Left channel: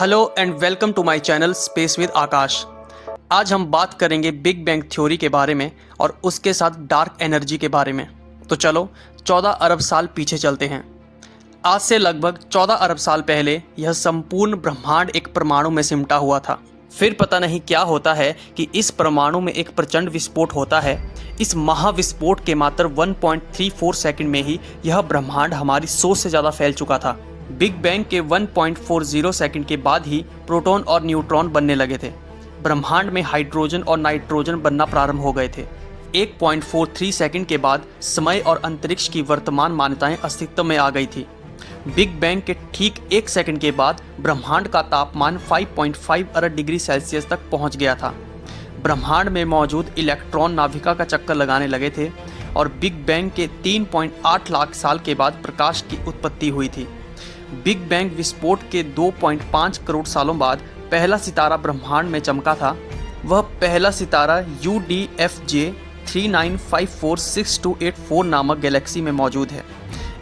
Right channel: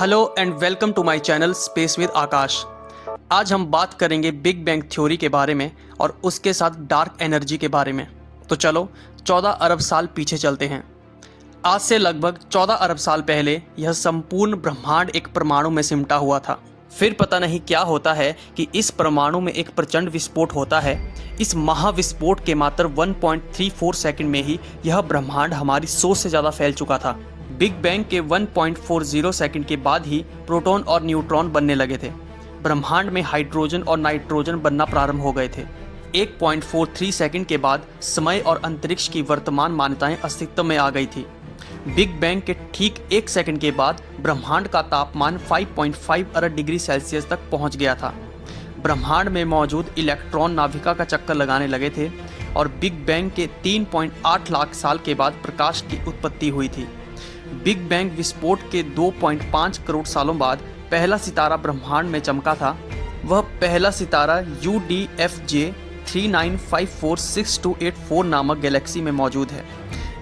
Hello and welcome to my channel space with Akash. आज हम बात करेंगे बिग बैंग थ्योरी के बारे में और उसके साथ डार्क एनर्जी के बारे में। तो चलो 14 अरब साल पीछे चलते हैं। आज से लगभग 14 अरब साल पहले यह संपूर्ण ब्रह्मांड एक परमाणु में सिमटा हुआ था। फिर पता नहीं क्या होता है कि इस परमाणु में एक प्रचंड विस्फोट होता है। इस महाविस्फोट के मात्र 1.34 सेकंड में ही यह ब्रह्मांड हमारी सोच से ज्यादा फैल चुका था। बिग बैंग के 1.40 सेकंड के बाद ही प्रोटॉन और न्यूट्रॉन बनने लगे थे। ब्रह्मांड में हाइड्रोजन और नाइट्रोजन बनना प्रारंभ हो गए थे। 1.43 सेकंड के बाद समय और अंतरिक्ष की वर्तमान मान्यताएं अस्तित्व में आ गई थी। बिग बैंग के ठीक 1 सेकंड के बाद ब्रह्मांड का तापमान 5.5 अरब डिग्री सेल्सियस तक पहुंच गया था। ब्रह्मांड में मौजूद इलेक्ट्रॉन नाभिका का चक्कर लगाने लगे थे और बिग बैंग के 3.8 लाख साल के बाद प्रकाश की उत्पत्ति हुई थी। बिग बैंग विस्फोट के 2.5 करोड़ सालों बाद पहला सितारा ब्रह्मांड में चमका था। वह पहला सितारा UDFJ 39546284 नामक गैलेक्सी में मौजूद है।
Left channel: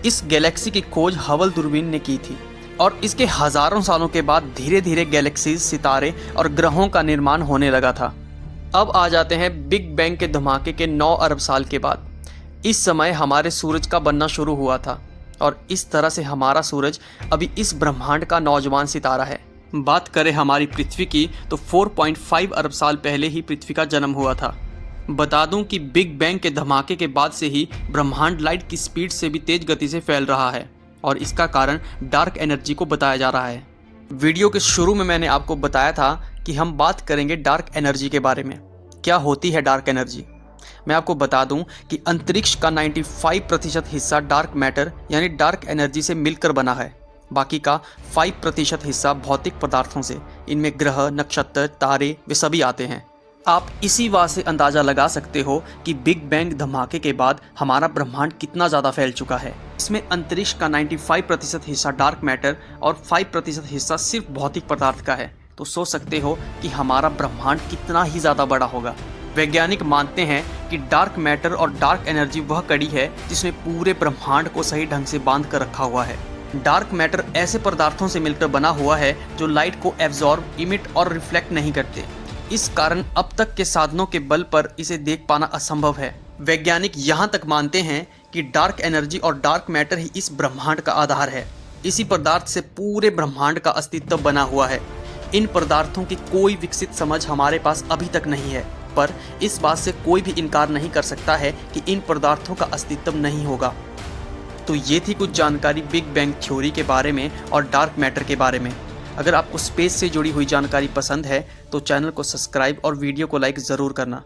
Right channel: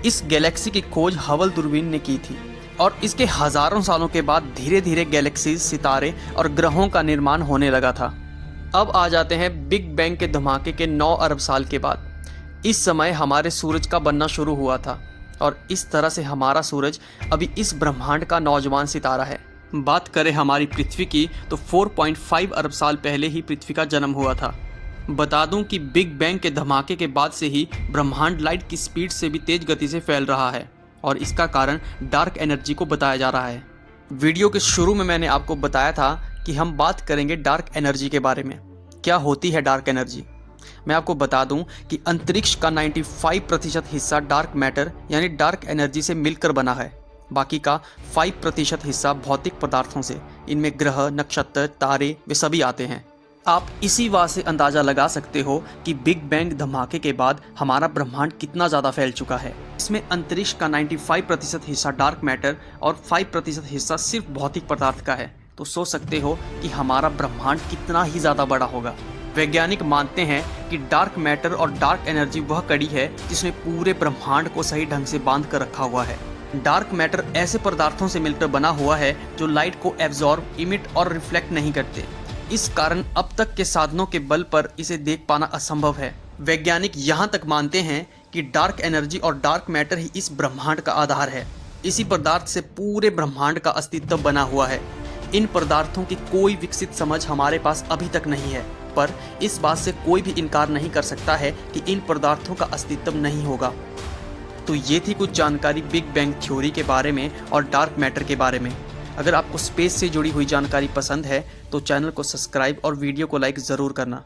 इस गैलेक्सी की खोज हबल दूरबीन ने की थी और इसके हजारों सालों के बाद धीरे धीरे गैलेक्सीज, सितारे और ग्रहों का निर्माण होने लगा था। अब आ जाते हैं बिग बैंग के धमाके के 9 अरब साल के बाद। इस समय हमारे सूरज का बनना शुरू हुआ था और इस तरह से हमारा सूरज अभी इस ब्रह्मांड का नौजवान सितारा है। बात करें हमारी पृथ्वी की तो 4.5 अरब साल पहले ही पृथ्वी का जन्म हुआ था। बता दूं कि बिग बैंग के धमाके के बाद से ही ब्रह्मांड लाइट की स्पीड से भी तेज गति से फैल रहा है और इसका कारण डार्क एनर्जी को बताया जा रहा है। वीडियो के शुरू में मैंने आपको बताया था कि हम बात करेंगे डार्क एनर्जी के बारे में। क्या होती है डार्क एनर्जी? मैं आपको बता दूं कि अंतरिक्ष का 95% हिस्सा डार्क मैटर यानी डार्क एनर्जी से मिलकर बना है। बाकी का 5% हिस्सा भौतिक पदार्थों से। इनमें ग्रह, नक्षत्र, तारे वे सभी आते हैं। आप इसी बात से अंदाजा लगा सकते हो कि बिग बैंग धमाके के बाद हमारा ब्रह्मांड कितना ज्यादा फैल चुका है। इसमें अंतरिक्ष का 95% हिस्सा डार्क मैटर और 5% हिस्सा सिर्फ भौतिक पदार्थ का है। तो सोच सकते हो कि हमारा ब्रह्मांड कितना ही ज्यादा बड़ा होगा। वैज्ञानिक मानते हैं कि डार्क मैटर और डार्क एनर्जी वह कड़ी है जिसमें पूरे ब्रह्मांड को सही ढंग से बांध कर रखा हुआ है। डार्क मैटर ऐसे पदार्थों से मिलकर बना हुआ है जो लाइट को एब्जॉर्ब, इमिट और रिफ्लेक्ट नहीं करते। इस कारण अब तक के साधनों के बल पर इसे देख पाना असंभव है। वैज्ञानिक यहाँ तक मानते हैं कि डार्क एनर्जी और डार्क मैटर ही इस ब्रह्मांड का आधार है। इसी पदार्थ से पूरे ब्रह्मांड का अस्तित्व बना हुआ है। इन पदार्थों की कोई विकसित समझ हमारे पास अभी तक नहीं है, पर इस बात से कोई भी इनकार नहीं कर सकता है कि इन पदार्थों का अस्तित्व नहीं होगा। तो ये थी कुछ जानकारी बिग बैंग थ्योरी के बारे में और डार्क मैटर के बारे में। अगर आपको स्पेस से जुड़ी हुई जानकारी पसंद है तो चैनल को सब्सक्राइब और वीडियो को लाइक ज़रूर करना।